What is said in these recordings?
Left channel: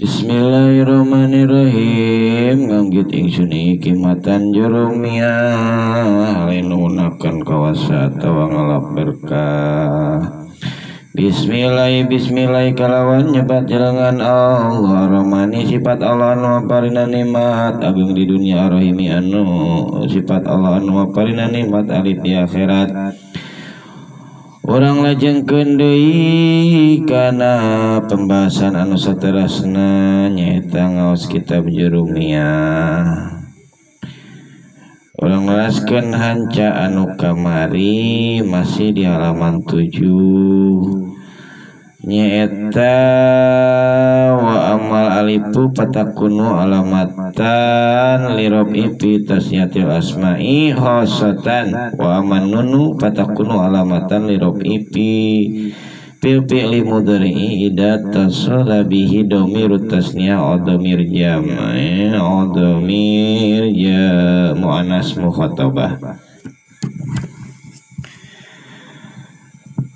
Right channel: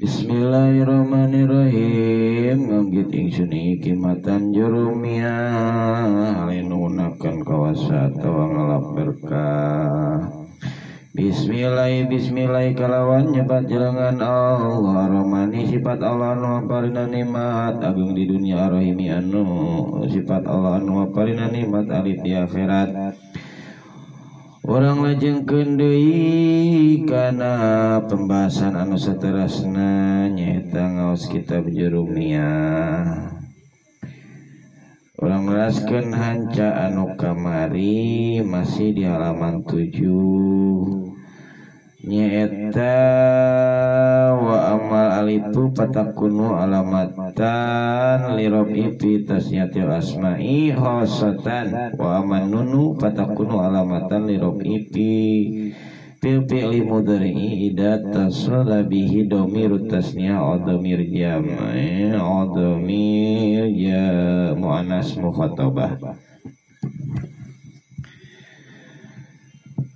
Bismillahirrahmanirrahim. Nganggit ingsun hikmatan jurumia halinunakan kawasa tawa ngalap berkah. Bismillah kalawan nyebat jalangan Allah Rahmani sifat Allah anu aparina nikmat agung di dunia Rahimi anu sifat Allah anu aparina nikmat alif di akhirat. Orang lajengkeun deui kana pembahasan anu saterasna nyaeta ngaos kitab jurumiyah. Orang leraskeun hanca anu kamari masih di halaman 7 nyaeta wa amal alifu patakunu alamatan lirobi fi tasniyatil asma'i khosatan wa aman nunu patakunu alamatan lirobi fi fil fi'li mudhari'i idza tasala bihi dhamirut tasniyah aw dhamir jam' aw dhamir muannas mukhatabah.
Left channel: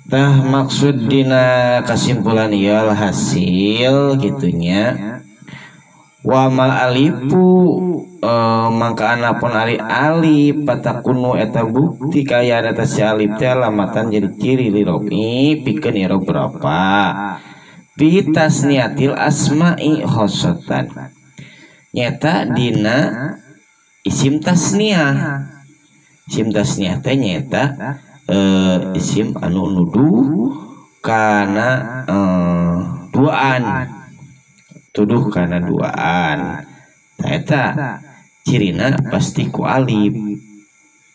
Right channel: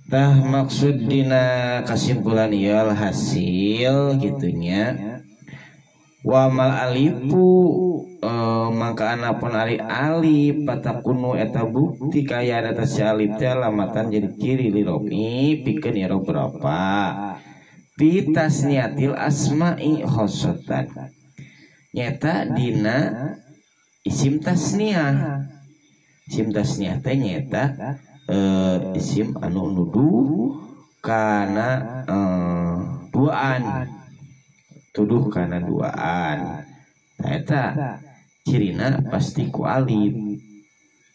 Tah maksud dina kesimpulan ieu hasil gitunya wa mal alifu mangka anapun ari alif patakunu eta bukti kaya data si alif teh alamatan jadi ciri lirobi pikeun irob berapa fi tasniyatil asma'i khossatan nyata dina isim tasniyah teh nyata isim anu nuduh kana duaan tuduh kana duaan eta cirina pasti ku alif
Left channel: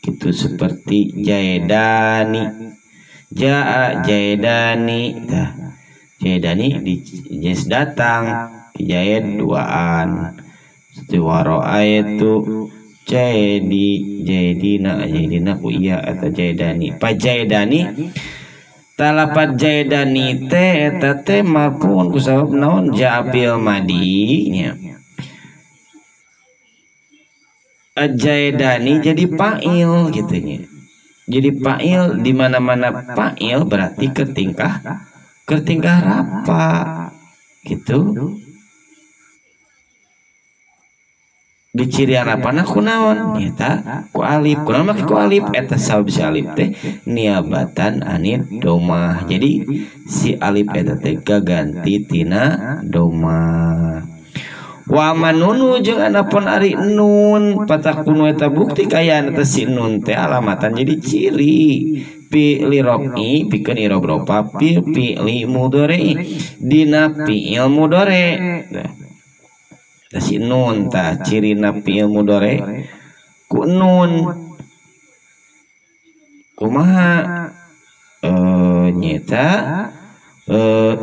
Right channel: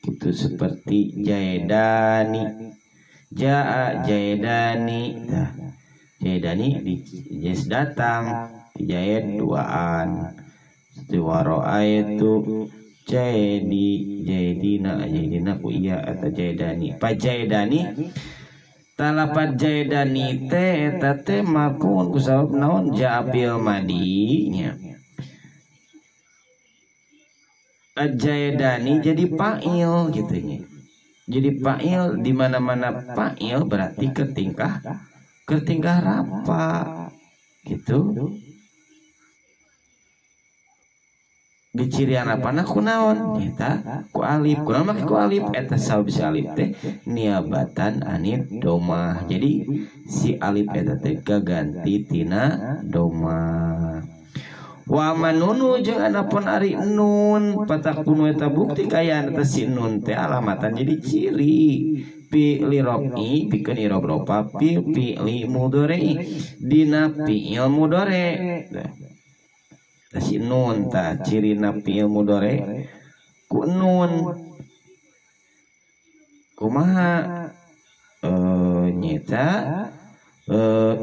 gitu seperti jaedani jaedani nah jaedani di jes datang jaed duaan waro itu jaedina ku iya atau jaedani pa jaedani talapat jaedani teh eta teh marfuun ku sabab naon ja'bil madinya jaedani jadi fa'il gitunya jadi fa'il di mana-mana fa'il berarti ketingkah rapa gitu. Di cirian rapana kunaon nyata ku alif kunaon make ku alif eta sabab si alif teh niabatan anit domah jadi si alif eta teh ganti tina domah wa manunu jeung anapun ari nun patakunu eta bukti kaya eta si nun teh alamatan jadi ciri fi lirobi pikeun irob ropa fi li mudhari dina fi'il mudhari si nun ta ciri napi ilmu dore ku nun kumaha nyeta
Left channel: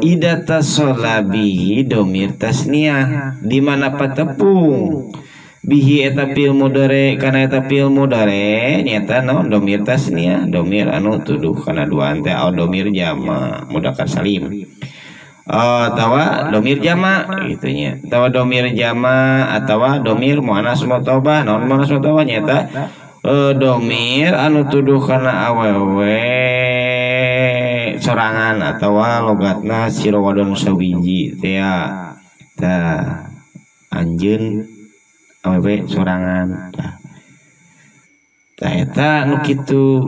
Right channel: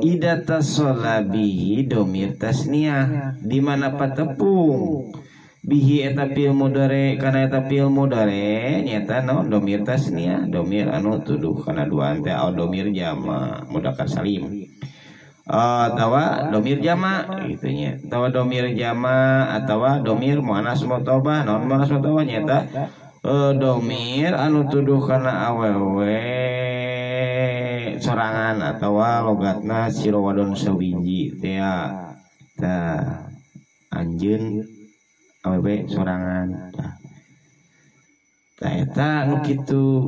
idata solabi domir tasniyah di mana patepung bihi eta ilmu dore kana eta ilmu dore nyeta naon domir tasniyah domir anu tuduh kana duaan teh au domir jama mudzakkar salim atawa domir jama gitunya atawa domir jama atawa domir muannas muthabah naon muannas muthabah nyata domir anu tuduh kana awewe sorangan atawa logatna sira wadon sawiji teh tah anjeun awewe sorangan tah eta nu kitu.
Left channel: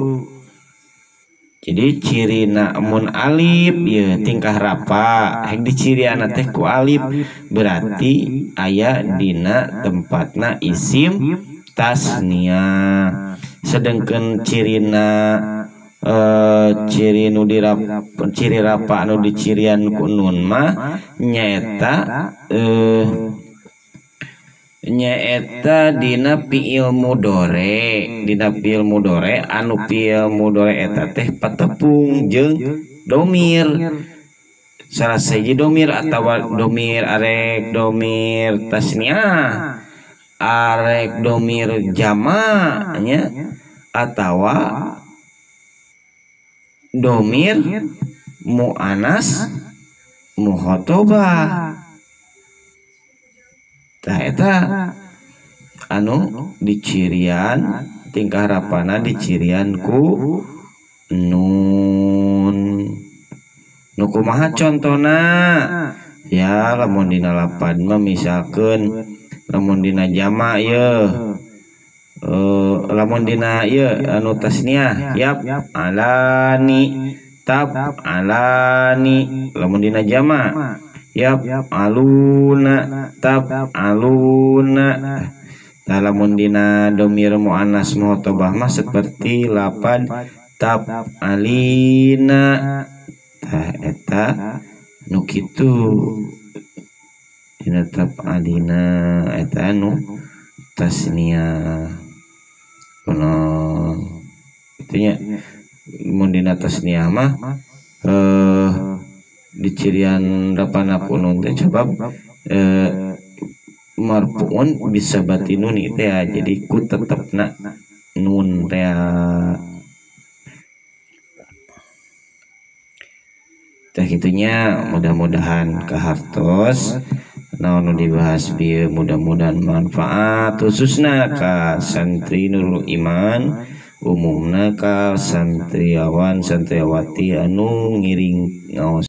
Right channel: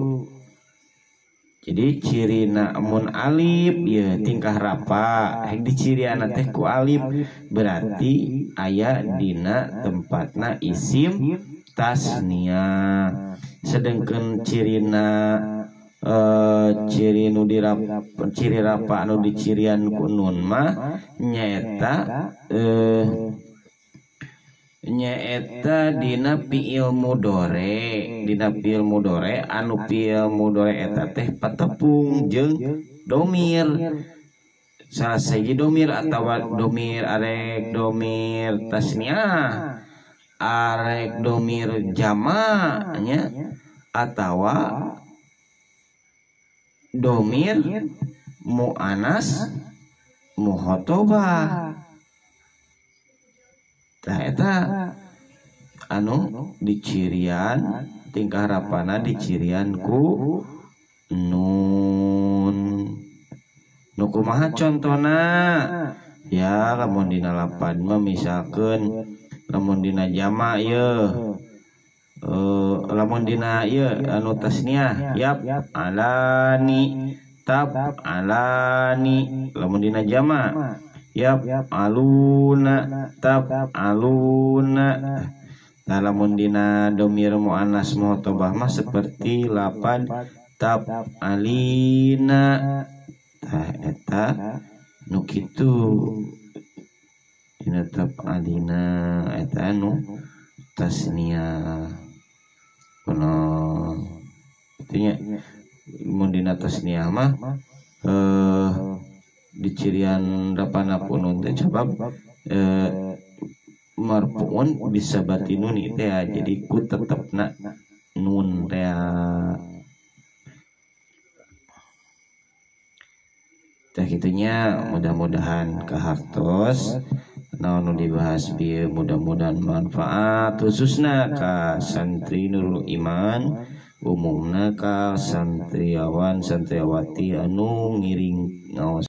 Jadi ciri mun alif ya tingkah rapa hek diciriana teh ku alif berarti aya dina tempatna isim tasniyah sedengkeun cirina ciri nu ciri rapa anu dicirian ku nun mah nyaeta dina fi'il mudhari anu fi'il mudhari eta teh patepung jeung domir salah siji domir atawa domir arek domir tasniyah arek domir jama nya atawa domir muannas mukhatabah tah eta anu dicirian tingkah rapana dicirian ku nun nu kumaha contona ya lamun dina lapad mah misalkeun lamun dina jama ya lamun dina ieu anu tasniah yap alani tab alani lamun dina jama yap aluna tab aluna. Nah, lamun dina domir muannas muhotobah mah seperti lapad tab alina. Tah eta nu kitu dina tab alina eta anu tasniah. Kuno itunya mun dina tasniah mah dicirian dapana kunun teh sabab marfuun bisa batinun teh jadi ku tetepna nun teh. Tah kitunya mudah-mudahan kahartos naon nu dibahas bieu mudah-mudahan manfaat khususna ka santri Nurul Iman umumna ka santriawan santriawati anu ngiring ngaos